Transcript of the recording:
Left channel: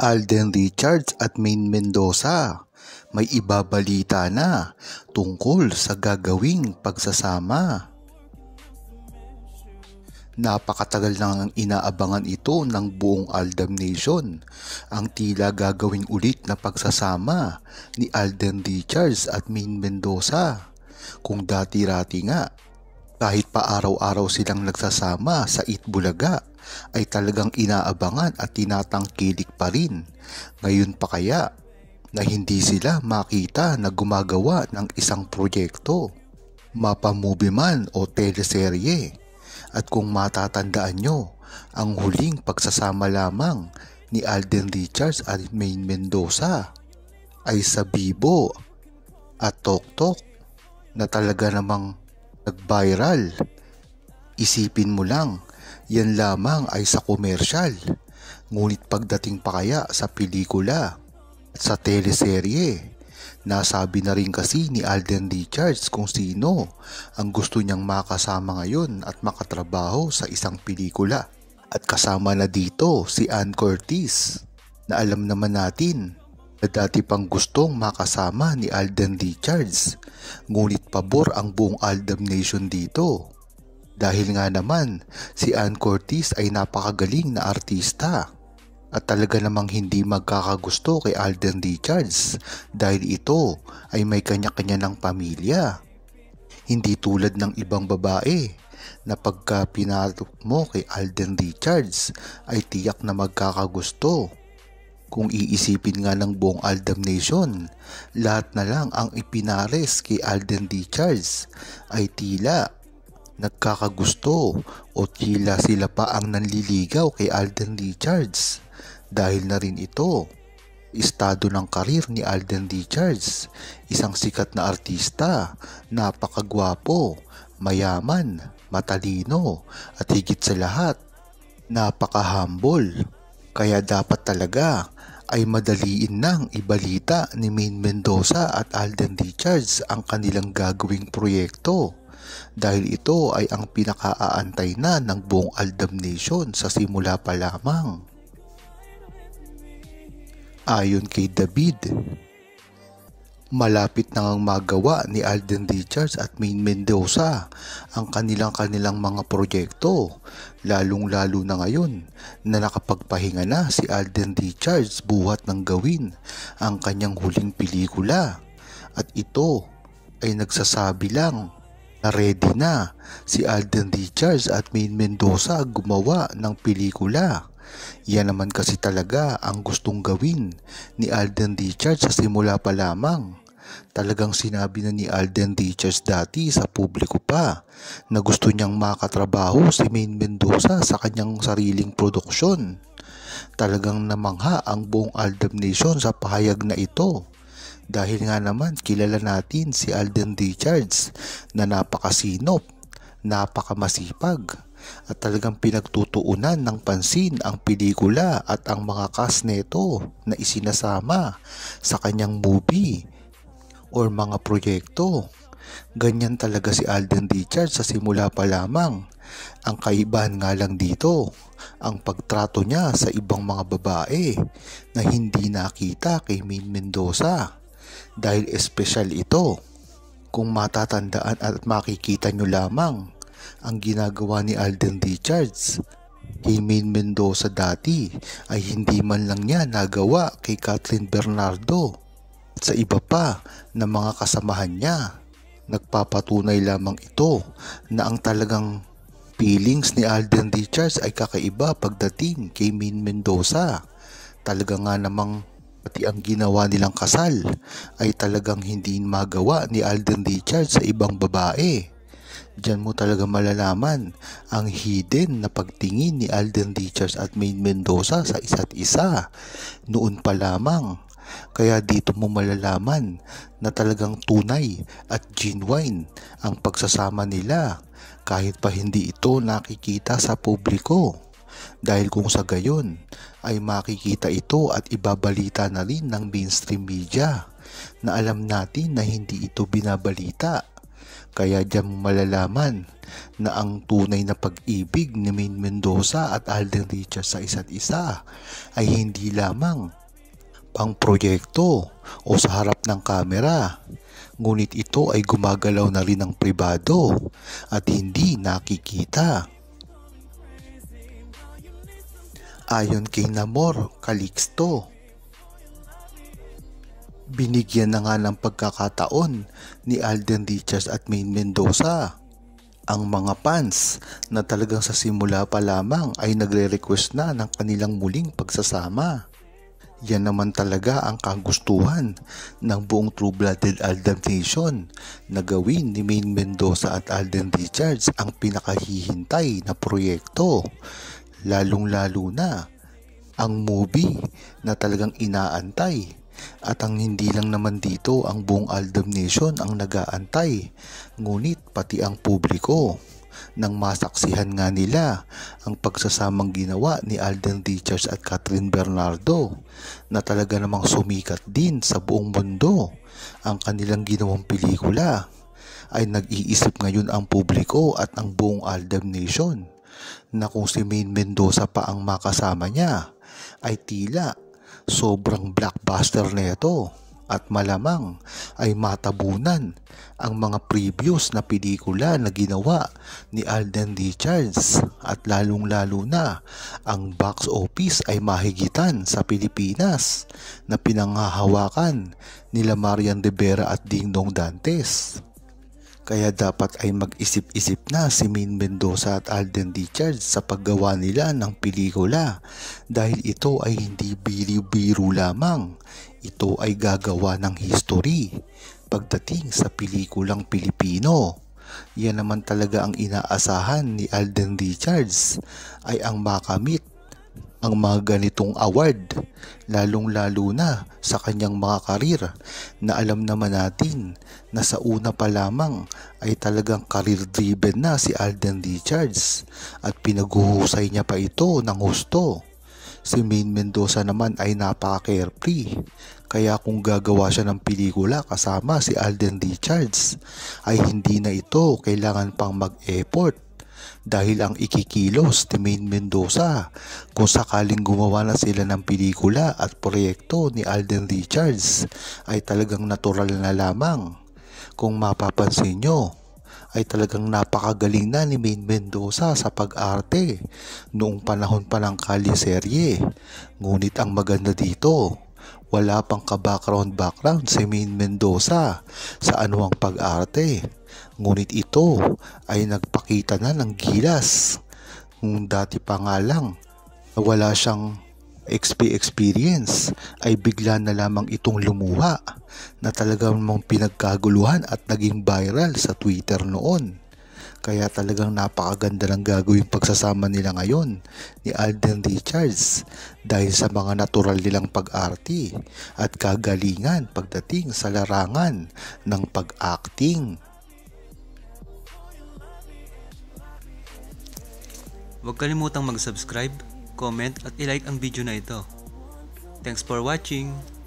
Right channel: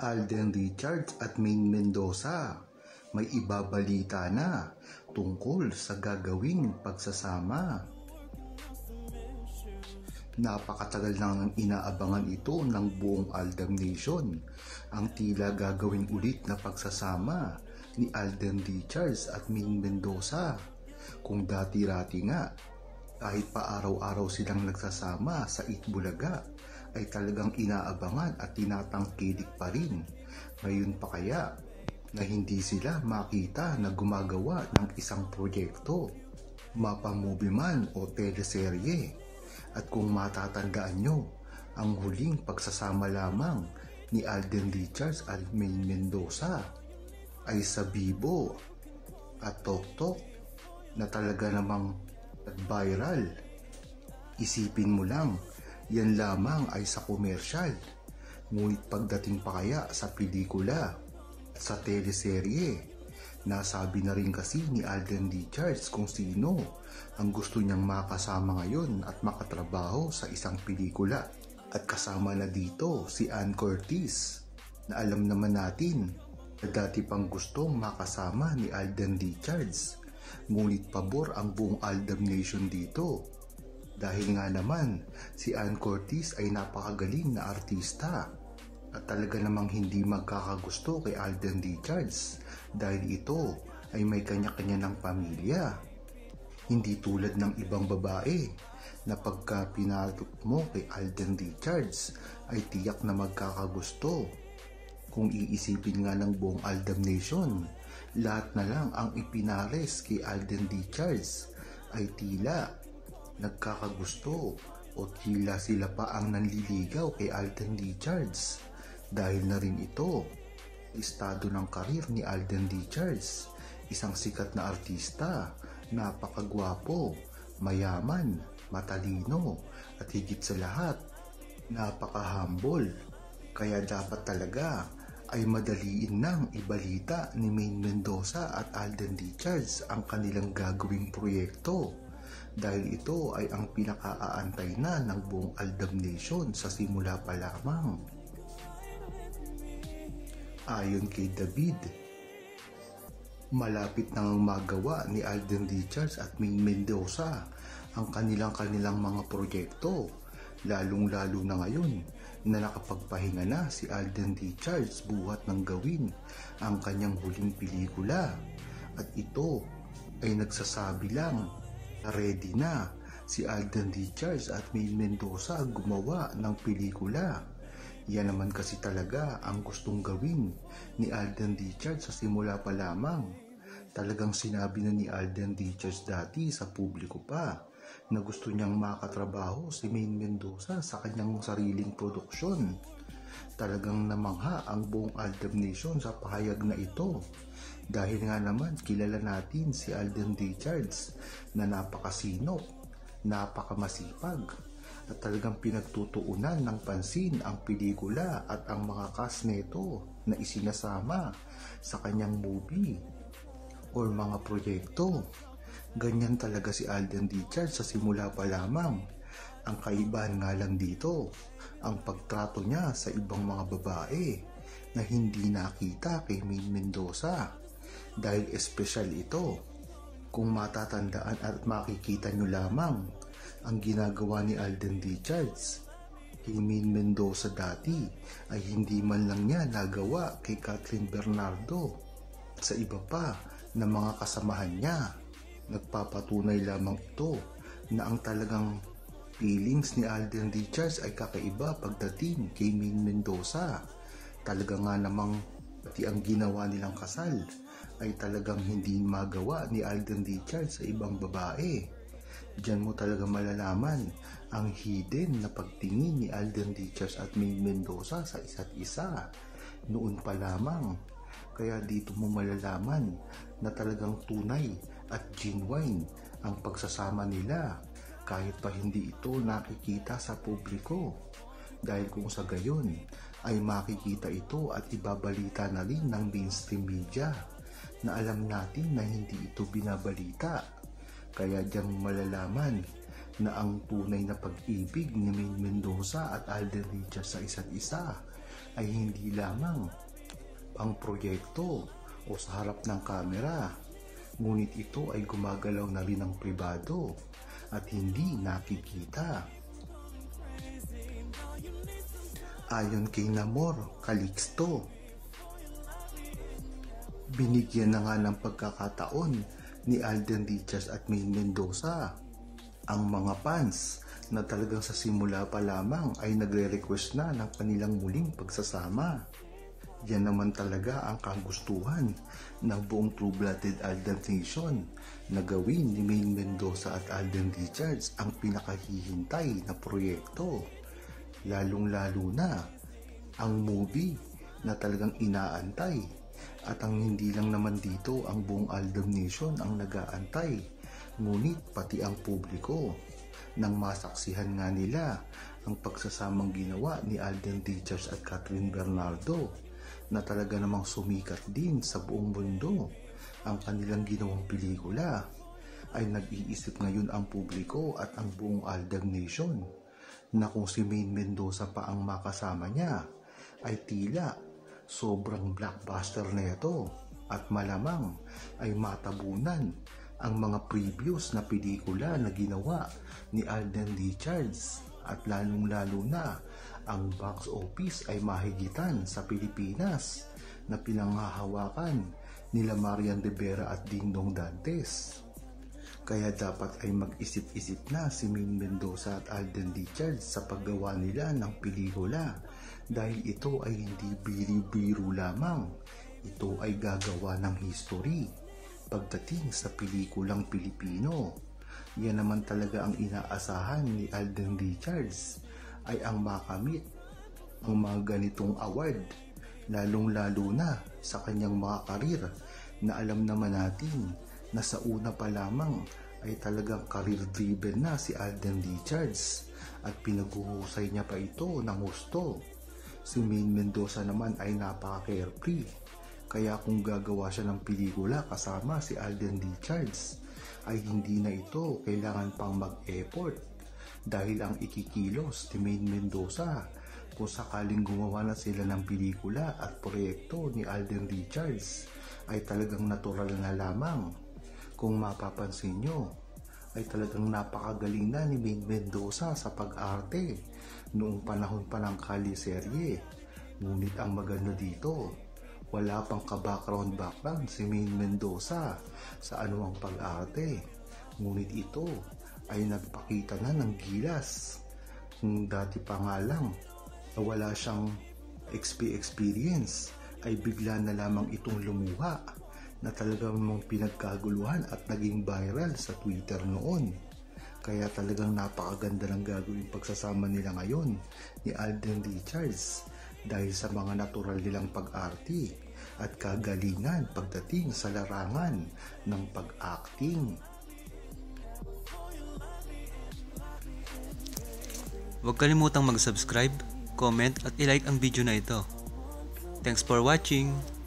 Alden Richards at Maine Mendoza, may ibabalita na tungkol sa gagawing pagsasama. Napakatagal nang inaabangan ito ng buong Aldam Nation, ang tila gagawing ulit na pagsasama ni Alden Richards at Maine Mendoza. Kung dati-rati nga, kahit pa araw-araw silang nagsasama sa Itbulaga, ay talagang inaabangan at tinatangkilik pa rin. Ngayon pa kaya na hindi sila makita na gumagawa ng isang proyekto, mapamovie man o teleserye. At kung matatandaan nyo, ang huling pagsasama lamang ni Alden Richards at Maine Mendoza ay sa Bibo at Toktok na talaga namang nag-viral. Isipin mo lang, yan lamang ay sa komersyal. Ngunit pagdating pa kaya sa pelikula, sa teleserye, nasabi na rin kasi ni Alden Richards kung sino ang gusto niyang makasama ngayon at makatrabaho sa isang pelikula. At kasama na dito si Ann Curtis, na alam naman natin na dati pang gustong makasama ni Alden Richards. Ngunit pabor ang buong Aldam Nation dito. Dahil nga naman si Ann Curtis ay napakagaling na artista. At talaga namang hindi magkakagusto kay Alden Richards dahil ito ay may kanya-kanya ng pamilya. Hindi tulad ng ibang babae na pagka pinatok mo kay Alden Richards ay tiyak na magkakagusto. Kung iisipin nga ng buong Aldam Nation, lahat na lang ang ipinares kay Alden Richards ay tila nagkakagusto o tila sila pa ang nanliligaw kay Alden Richards. Dahil na rin ito, estado ng karir ni Alden Richards, isang sikat na artista, napakagwapo, mayaman, matalino, at higit sa lahat, napaka-humble. Kaya dapat talaga ay madaliin nang ibalita ni Maine Mendoza at Alden Richards ang kanilang gagawing proyekto. Dahil ito ay ang pinakaaantay na ng buong Aldam Nation sa simula pa lamang. Ayon kay David, malapit nang magawa ni Alden Richards at Maine Mendoza ang kanilang mga proyekto, lalong-lalo na ngayon na nakapagpahinga na si Alden Richards buhat ng gawin ang kanyang huling pelikula. At ito ay nagsasabi lang na ready na si Alden Richards at Maine Mendoza gumawa ng pelikula. Yan naman kasi talaga ang gustong gawin ni Alden Richards sa simula pa lamang. Talagang sinabi na ni Alden Richards dati sa publiko pa na gusto niyang makatrabaho si Maine Mendoza sa kanyang sariling produksyon. Talagang namangha ang buong Aldam Nation sa pahayag na ito. Dahil nga naman kilala natin si Alden Richards na napakasinop, napakamasipag, at talagang pinagtutuunan ng pansin ang pelikula at ang mga cast neto na isinasama sa kanyang movie or mga proyekto. Ganyan talaga si Alden Richards sa simula pa lamang. Ang kaibahan nga lang dito, ang pagtrato niya sa ibang mga babae na hindi nakita kay Maine Mendoza. Dahil espesyal ito. Kung matatandaan at makikita nyo lamang ang ginagawa ni Alden Richards kay Maine Mendoza dati ay hindi man lang niya nagawa kay Kathryn Bernardo at sa iba pa na mga kasamahan niya. Nagpapatunay lamang ito na ang talagang feelings ni Alden Richards ay kakaiba pagdating kay Maine Mendoza. Talaga nga namang pati ang ginawa nilang kasal ay talagang hindi magawa ni Alden Richards sa ibang babae. Diyan mo talaga malalaman ang hidden na pagtingin ni Alden Richards at Maine Mendoza sa isa't isa noon pa lamang. Kaya dito mo malalaman na talagang tunay at genuine ang pagsasama nila kahit pa hindi ito nakikita sa publiko. Dahil kung sa gayon ay makikita ito at ibabalita na rin ng mainstream media na alam natin na hindi ito binabalita. Kaya diyan malalaman na ang tunay na pag-ibig ni Maine Mendoza at Alden Richards sa isa't isa ay hindi lamang pang proyekto o sa harap ng kamera, ngunit ito ay gumagalaw na rin ng pribado at hindi nakikita. Ayon kay Namor Calixto, binigyan na nga ng pagkakataon ni Alden Richards at Maine Mendoza ang mga fans na talagang sa simula pa lamang ay nagre-request na ng kanilang muling pagsasama. Yan naman talaga ang kagustuhan ng buong True-Blooded Aldab Nation na gawin ni Maine Mendoza at Alden Richards ang pinakahihintay na proyekto. Lalong-lalo na ang movie na talagang inaantay. At ang hindi lang naman dito ang buong Aldab Nation ang nag-aantay, ngunit pati ang publiko nang masaksihan nga nila ang pagsasamang ginawa ni Alden Richards at Catherine Bernardo na talaga namang sumikat din sa buong mundo ang kanilang ginawang pelikula, ay nag-iisip ngayon ang publiko at ang buong Aldab Nation na kung si Maine Mendoza pa ang makasama niya ay tila sobrang blockbuster nito at malamang ay matabunan ang mga previous na pelikula na ginawa ni Alden Richards at lalong-lalo na ang box office ay mahigitan sa Pilipinas na pinanghahawakan nila Marian Rivera at Dingdong Dantes. Kaya dapat ay mag-isip-isip na si Maine Mendoza at Alden Richards sa paggawa nila ng pelikula dahil ito ay hindi biro-biro lamang. Ito ay gagawa ng history pagdating sa pelikulang Pilipino. Yan naman talaga ang inaasahan ni Alden Richards ay ang makamit ang mga ganitong award, lalong-lalo na sa kanyang mga karir na alam naman natin na sa una pa lamang ay talagang career-driven na si Alden Richards at pinaguhusay niya pa ito ng husto. Si Maine Mendoza naman ay napaka-carefree, kaya kung gagawa siya ng pelikula kasama si Alden Richards ay hindi na ito kailangan pang mag-effort dahil ang ikikilos ni Maine Mendoza kung sakaling gumawa na sila ng pelikula at proyekto ni Alden Richards ay talagang natural na lamang. Kung mapapansin nyo ay talagang napakagaling na ni Maine Mendoza sa pag-arte noong panahon pa ng Kaliserye. Ngunit ang maganda dito, wala pang ka-background si Maine Mendoza sa anuang pag-arte. Ngunit ito ay nagpakita na ng gilas. Kung dati pa nga lang wala siyang experience ay bigla na lamang itong lumuha na talagang mong pinagkaguluhan at naging viral sa Twitter noon. Kaya talagang napakaganda ng gagawing pagsasama nila ngayon ni Alden Richards dahil sa mga natural nilang pag-arte at kagalingan pagdating sa larangan ng pag-acting. Huwag kalimutang mag-subscribe, comment at i-like ang video na ito. Thanks for watching!